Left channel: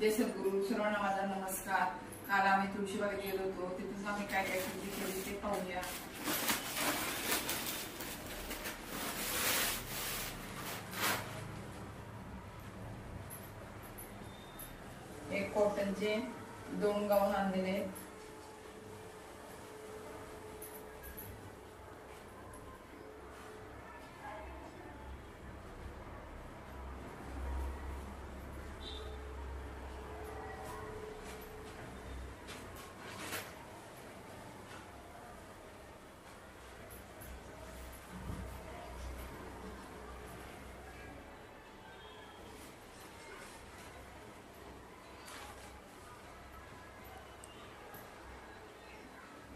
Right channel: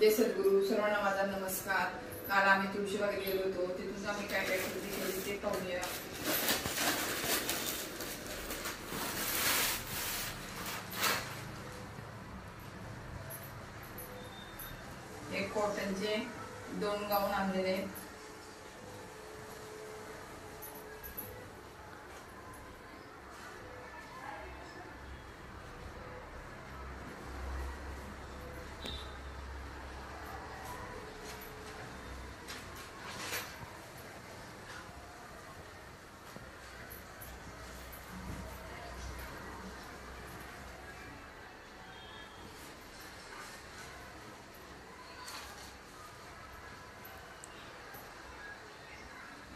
जय सद्गुरू. सर्वांना माझा नमस्कार. काल आम्ही तुळशीबागेत गेलो होतो, तिथून आम्ही काय काय खरेदी केली ते पाहूया. हे कॉटनचे 2 गाऊन आणलेले आहेत.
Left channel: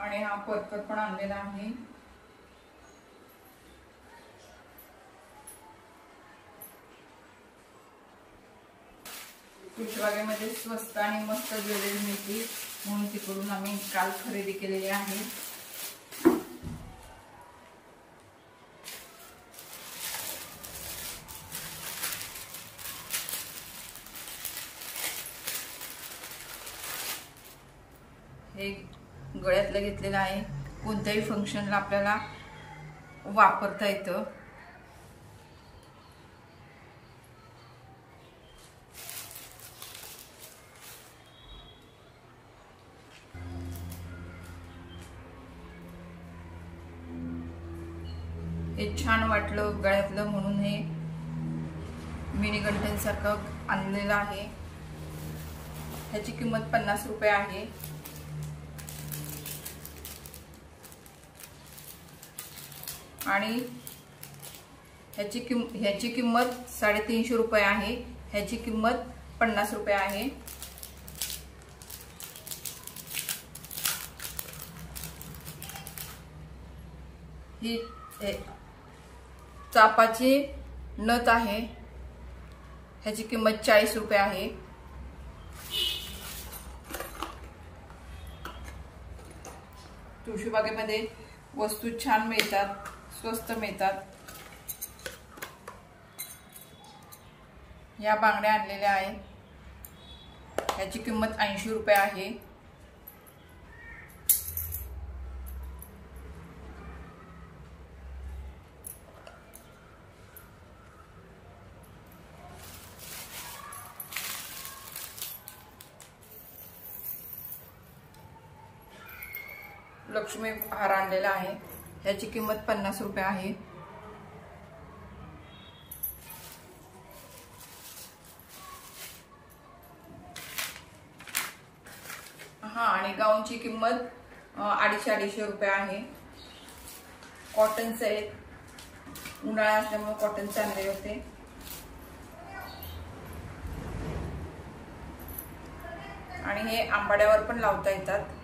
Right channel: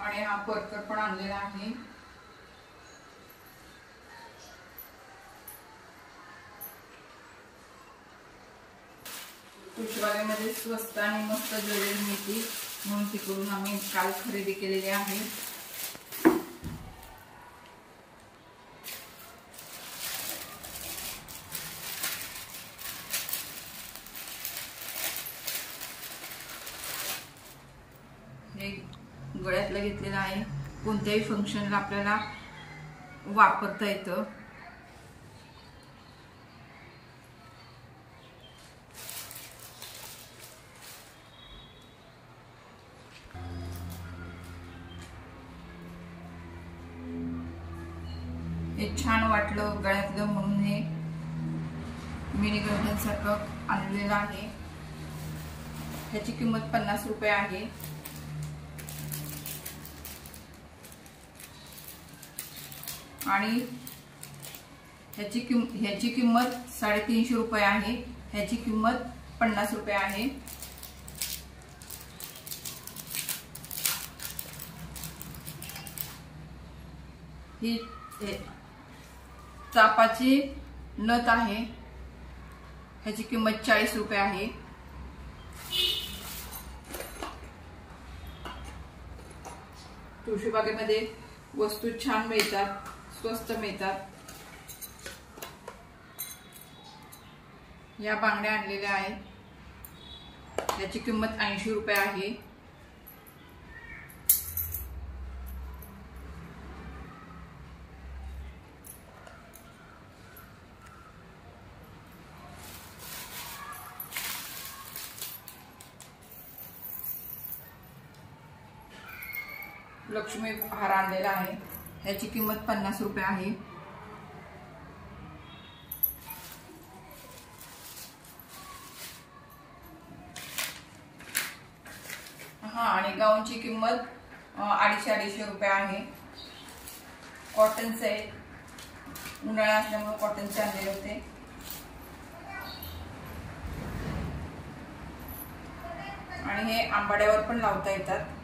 आणि हा परकर पण आणलेला आहे. तुळशीबागेमध्ये स्वस्त आणि मस्त ज्वेलरी मिळते म्हणून तिकडून आम्ही काल खरेदी केलेली आहे. हे गळ्यातलं घेतलेलं आहे. कोणत्याही फंक्शनला आपल्याला वापरता येतं. हे छान वाटलं गळ्यातलं म्हणून हे मिनी गंठनसारखं आणलेलं आहे. ह्याची किंमत 50 रुपये आहे. आणि ह्याची किंमत 350 रुपये आहे. ह्याची किंमत 50 रुपये आहे. ही चापाची नथ आहे. ह्याची किंमत 40 रुपये आहे. तुळशीबागेमध्ये वस्तू छान मिळतात, स्वस्त मिळतात. या बांगड्या आणलेल्या आहेत. याची किंमत 80 रुपये आहे. लक्ष्मी हार आणलेला आहे. याची किंमत 50 रुपये आहे. आणि गाऊनची किंमत 250 रुपये आहे. कॉटनचे आहेत. उन्हाळा असल्यामुळे कॉटनचे आणले होते. आणि हे आंबाड्यावर पण लावता येतात.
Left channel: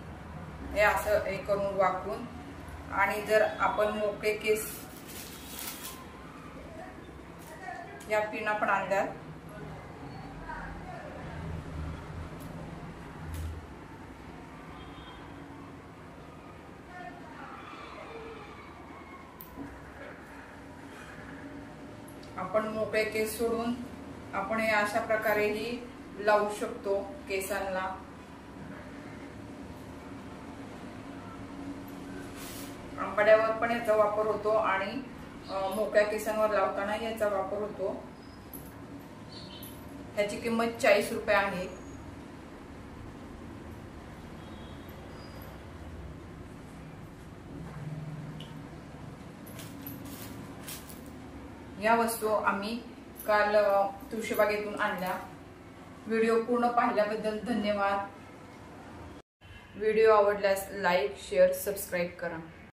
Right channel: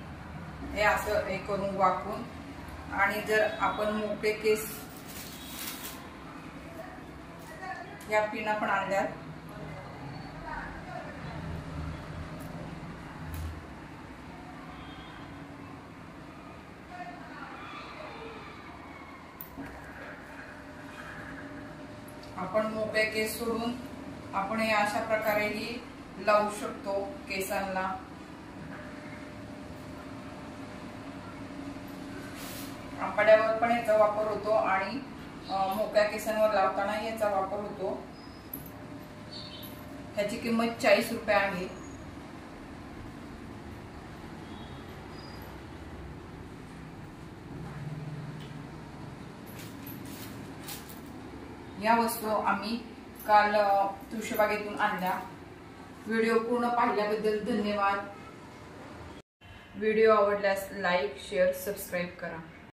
हे असं हे करून वाकून. आणि जर आपण मोकळे केस या पिना पण आणल्यात. आपण मोकळे केस सोडून आपण हे अशा प्रकारेही लावू शकतो केसांना. आंबाड्यावर पण याचा वापर होतो आणि मोकळ्या केसांवर लावताना याचा वापर होतो. ह्याची किंमत 40 रुपये आहे. या वस्तू आम्ही काल तुळशीबागेतून आणल्या. व्हिडिओ पूर्ण पाहिल्याबद्दल धन्यवाद. व्हिडिओ आवडल्यास लाईक, शेअर, सबस्क्राईब करा.